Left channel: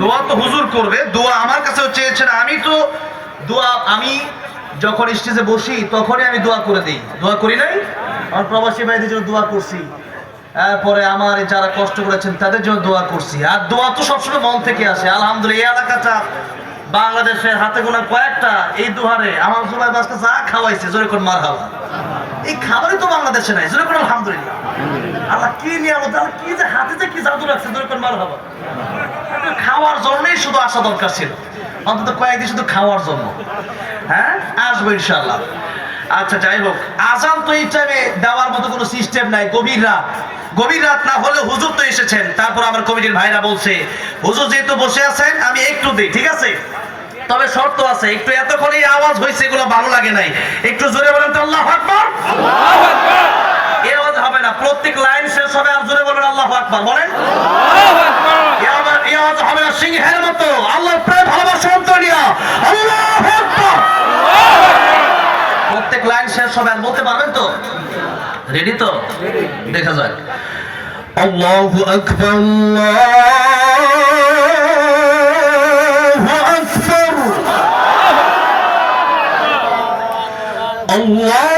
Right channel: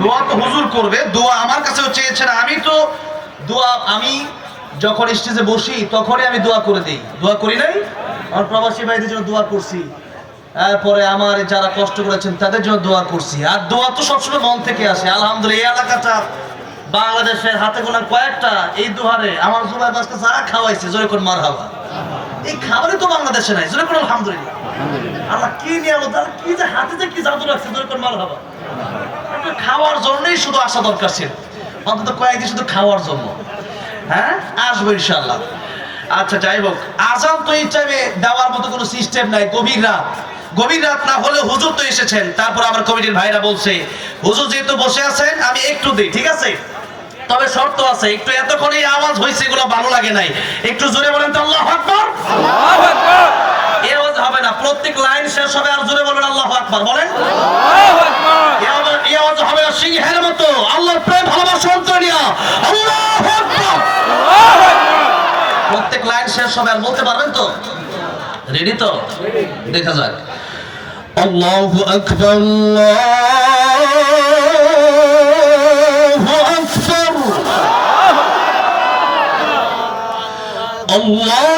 দোয়া তো হুজুর করবে দোয়া আমার কাছেও চেয়েছেন আমি তো দোয়া আমি যখন স্টেজে বসি তখনই আমি দোয়া করে দিই দোয়া করি নাই আমার প্রবাসী ভাইদের জন্য দোয়া করছি তারপরে আমার যারা কষ্ট করেছেন তাদের জন্য দোয়া করছি আর দোয়া তো সবসময় মন থেকে আসে আলহামদুলিল্লাহ এই এলাকাটা বাংলাদেশের হাতে গোনা কয়েকটা এই দোহারে আমার সবাই আজকে যা খাওয়াইছে জোরে করে মার এই খাবারই তো বাংলাদেশে নাই জোরে করে আলহামদুলিল্লাহ আল্লাহ কি নিয়ে আলো তারা কি যে হাতে কি জাদু রাখছে জোরে করে মার হাওয়া কাউকে খাওয়ার জন্যই শুধু আসা দরকার ছিল অন্তত কয়েকদিন শুধু খাওয়ার জন্য হ্যাঁ আসবো ইনশাল্লাহ আচ্ছা যাই হোক আজান তো ইসলামে দেওয়ার মতো কোনো সিস্টেম নাই গভীর রাত গভীর রাত না হলে হুজুর তো এসেছেন তারপর আমার কমিটির ভাইরা বলছে হুজুর যেহেতু বসে আছেন আমি একটু দিই ঠিক আছে তবে শর্ত আছে একটু এত করে আওয়াজ হয়েছে এগুলো ভালো লাগে নাই একটু জোরে বলেন তো আল্লাহ আকবর এর হবে না প্রত্যেক লাইন শেষ হবে আর জোরে বলবেন আল্লাহ আকবর বলেন আল্লাহ প্রত্যেক লাইন শেষ হবে আর বলতে পারবেন তো রেডি তো দেখা যাক আল্লাহ আকবর আল্লাহ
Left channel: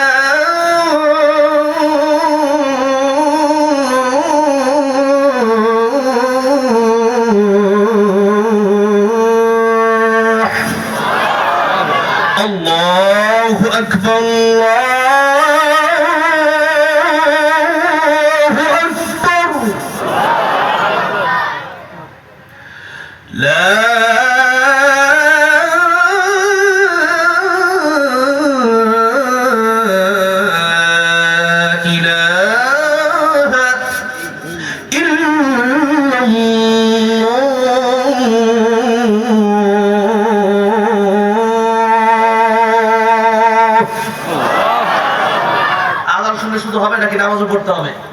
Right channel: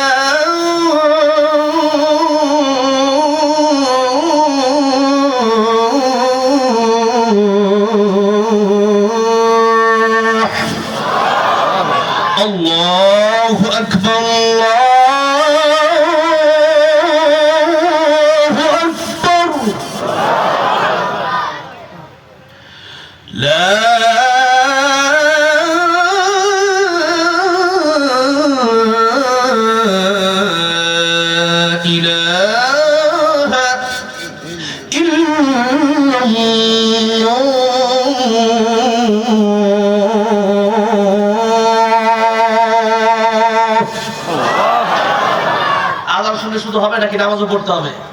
রাখি নামাজও পড়তে হবে